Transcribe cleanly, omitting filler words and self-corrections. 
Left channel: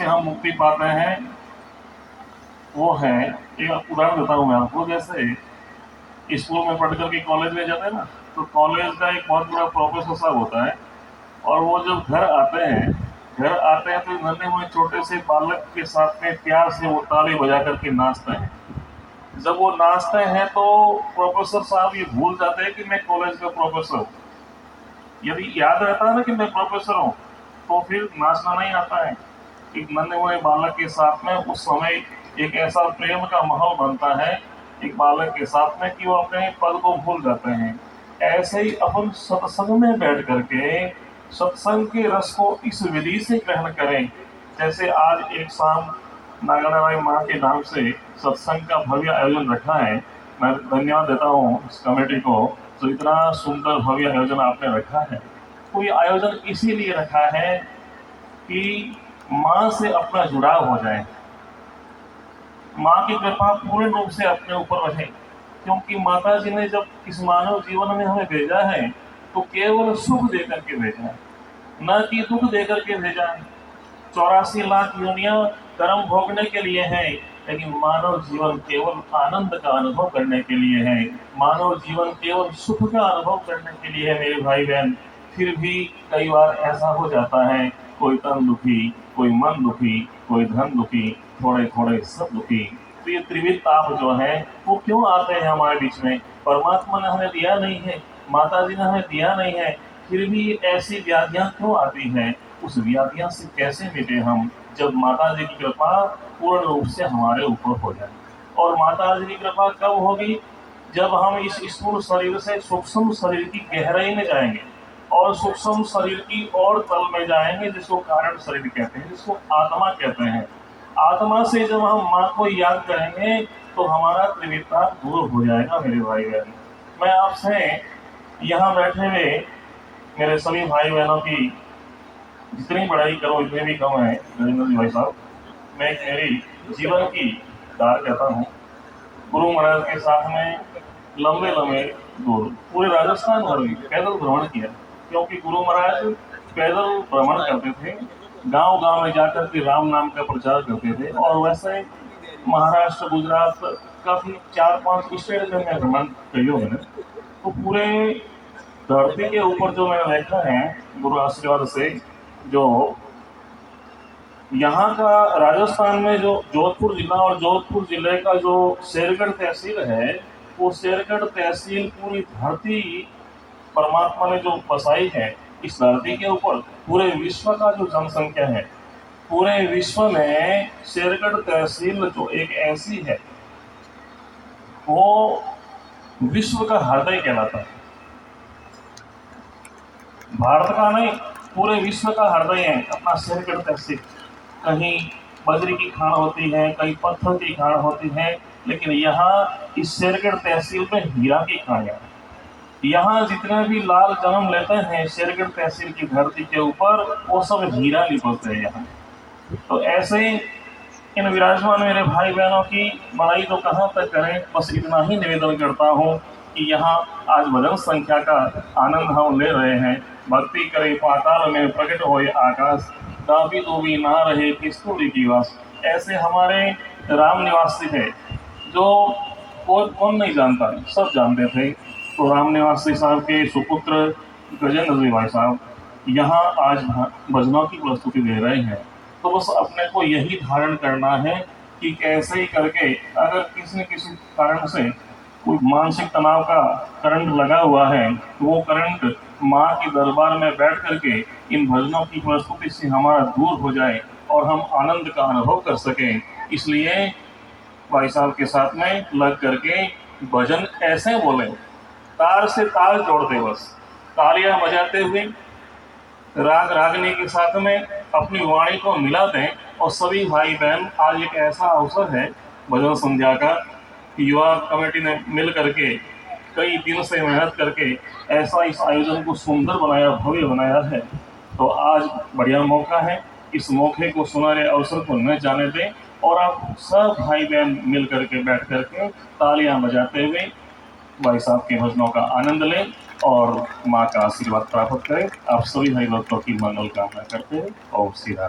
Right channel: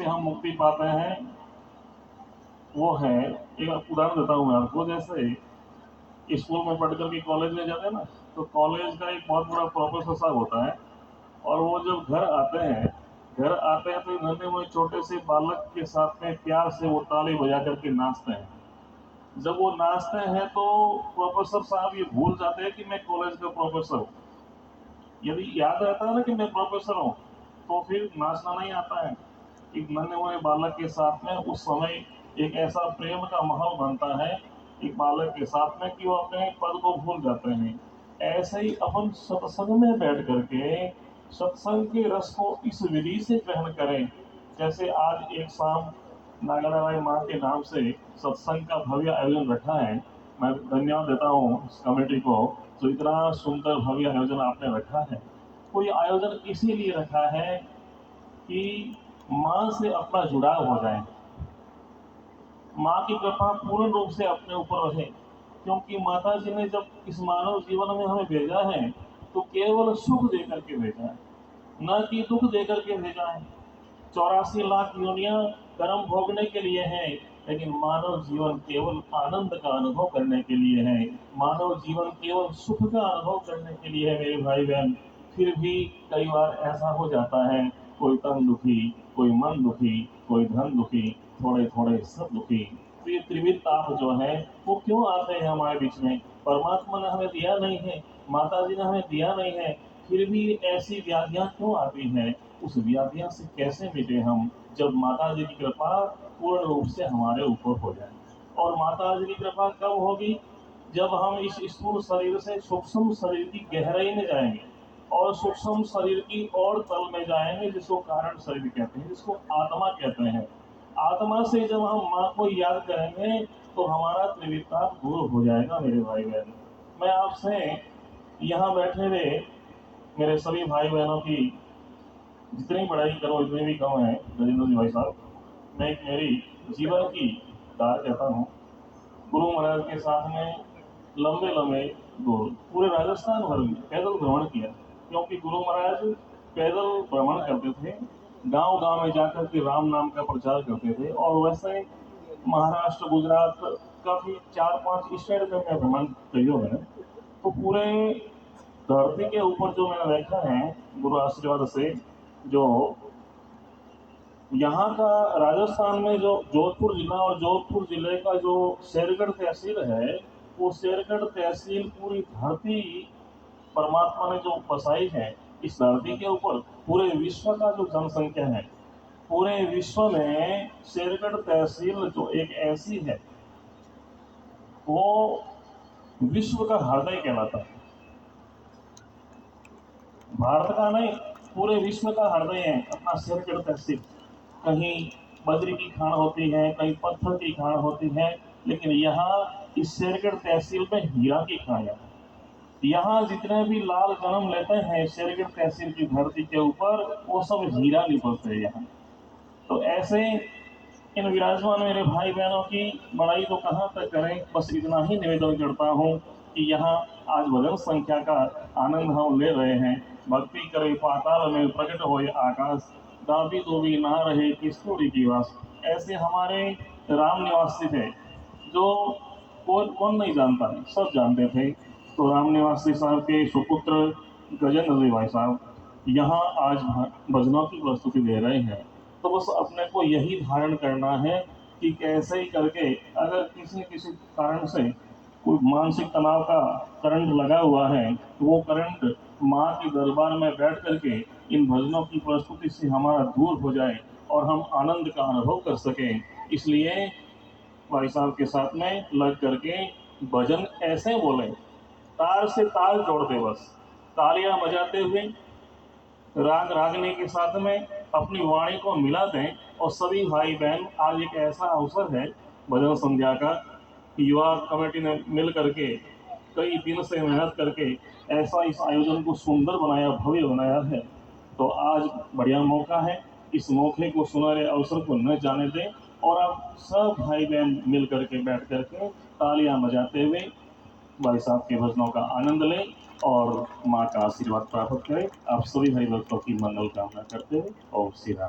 से हम मुक्ति पाते हैं वो है, एक उदाहरण देता हूँ मैं आपको। जैसे स्कूल में पढ़ करके कॉलेज में जाते हैं ना, तो कॉलेज का एक बहुत बड़ा प्रोफेसर साहब होता है, और वो जब घर आते हैं तो नन्हे मुन्ने छोटे से बालक के साथ में प्यार से वो ताली बजा करके नाचते हैं। जब वो नाचते हैं तो प्रोफेसर साहब ये भूल जाते हैं कि मैं कॉलेज का प्रोफेसर हूँ। यदि याद रहता है ना कि मैं प्रोफेसर हूँ, तो फिर नाचना नहीं आता है। एक नन्हे मुन्ने बालक के साथ में उस समय एक ऐसा प्रेम का माहौल बनता है एक बालक के साथ में कि वो अपने पद को भूल जाते हैं। ऐसे ही अपन सत्संग में बैठ करके सत्संग के रस को इस विधि से ग्रहण करें। जैसे आज एक शाम नागराबाई माँ के नाम से सत्संग का भव्य आयोजन रखा है। मैं धन्यवाद देता हूँ इस कमेटी को, जो इतना सुंदर भव्य आयोजन आपने रखा है। तो ये आयोजन इसीलिए रखा है कि माँ से अपना जुड़ाव हो जाए, माँ की कृपा पूर्ण रूप से अपने ऊपर रहे। क्योंकि माता जी ने जब इस मानव जीवन में हमें भेजा है तो केवल सुख देकर के भेजा है, न कि दुख देकर के भेजा है। 84 लाख योनियां कर्म भोगने के लिए है, लेकिन मानव जीवन केवल आनंद का अनुभव करने के लिए है। मानव जीवन केवल सुख का अनुभव करने के लिए है मेरे भाई बहन। फिर भी कई बार ऐसा हो जाता है, कोई तन दुखी, कोई मन दुखी, कोई धन दुखी, थोड़े थोड़े सब दुखी। तो ये त्रिविध ताप जो है वो क्यों आते हैं हमारे बीच में? परमात्मा ने हमें दिया नहीं है, माता जी ने हमें दिया नहीं है, फिर भी ऐसी व्याधियां क्यों आती हैं? उस व्याधियां से कैसे मिटे हम, जब माता जी की कृपा पूर्ण रूप से हमारे ऊपर हो जाए। और माता जी की कृपा कब होगी? जब हम इस स्थूल शरीर से सूक्ष्म शरीर की गहराई में जाएंगे और सूक्ष्म शरीर की और तल में जाएंगे, जिसको कारण शरीर कहते हैं, जिसको आत्मा कहते हैं। आत्मा से जब हम माँ को याद करेंगे तो हमारा त्रिविधता दूर हो जाएगा मेरे भाई बहन। मैं आपसे यहाँ बैठे हुए मेरे सभी भाई बहनों की जितनी बड़ाई करो इतने भी कम है नरेंद्र जी भाई साहब। मैं एक मेरी जीवन की दार कहता हूँ। गुरु महाराज के साथ में लंबे लंबे दूर पूरे राजस्थान भर में पैदल भ्रमण किया, क्योंकि गुरु महाराज पैदल भ्रमण करते थे, गांव गांव में जाकर के राम नाम का प्रचार करते थे। और वैसे महाराष्ट्र, गुजरात, काफी 4-5 स्टेट में मैं भ्रमण करियो मैंने। तो पूरे धरती के ऊपर जो मैंने देखा है गुरु आशीर्वाद से, जो यहाँ का राजस्थान में जो जोधपुर जिला और जोधपुर जिले का जो शेरगढ़ तहसील है, वो शेरगढ़ तहसील पूरी धरती परमात्मा ने जो बसाई है इस धरती के ऊपर, पूरे विश्व का जो जनसंख्या है, पूरे विश्व में शेरगढ़ तहसील जो एक ऐसी है, वो विश्व का हृदय कहलाता है। भारत का नहीं, पूरे विश्व का हृदय है अपना शेरगढ़ तहसील। कहीं बजरी की खान होती है, कहीं पत्थर की खान होती है, लेकिन यहाँ इस शेरगढ़ तहसील में हीरा की खानियां। यहाँ जितने भी लाल जन्म लेते हैं शेरगढ़ तहसील की धरती के ऊपर, वो सब हीरा निकलते हैं यहाँ। तो ऐसे ही इन विराजमान मेरे भाई बहनों की बड़ाई तो कहाँ तक करें, बस इतना ही निवेदन करता हूँ कि यहाँ आज भजन संख्या का आनंद हम ले रहे हैं। भक्ति करे पाताल में प्रकट होए आकाश, दाबी दोबी ना रहे किस्तूरी की वास। ऐसे हमारे राम निवासी थे जो कौन नहीं जानता, सब जानते थे। तो राम निवासी साहब के सुपुत्र गजेंद्र जी भाई साहब यहाँ आज भजनों की प्रस्तुति दे रहे हैं। तो बस अपने को यही धारण करना है कि कैसे ही करके अगर किसी न किसी कारण से कोई मानसिक तनाव का करंट लगा हुआ है, तो वो करंट माँ के दरबार में बैठ करके इन भजनों की प्रस्तुति से हमारा दूर हो जाए और हम आनंद का अनुभव कर सकें। इसलिए भाई साहब के साथ में लग करके भजन ऐसे बोले, तार से ताल जोड़ते, बस तालियां बजाते हुए राग रागनी के साथ में अपनी वाणी को मिला दें। और सभी भाई बहन, आज एक ऐसा अवसर है भजन संध्या का, युवा कमेटी ने मिल करके कई दिन से मेहनत करके ऐसा इस आयोजन को सुंदर बनाया, भव्य बनाया है। तो आज बढ़िया मौका है, इस मौके को, सुनहरे अवसर को न जाने दें और आप सब भाई बहन मिल करके बैठ करके तालियां बजाते हुए भाई साहब के भजनों का आनंद लें और माँ का आशीर्वाद प्राप्त करें। आप सभी हरि भक्तों की मंगल कामना करते हैं और सीधा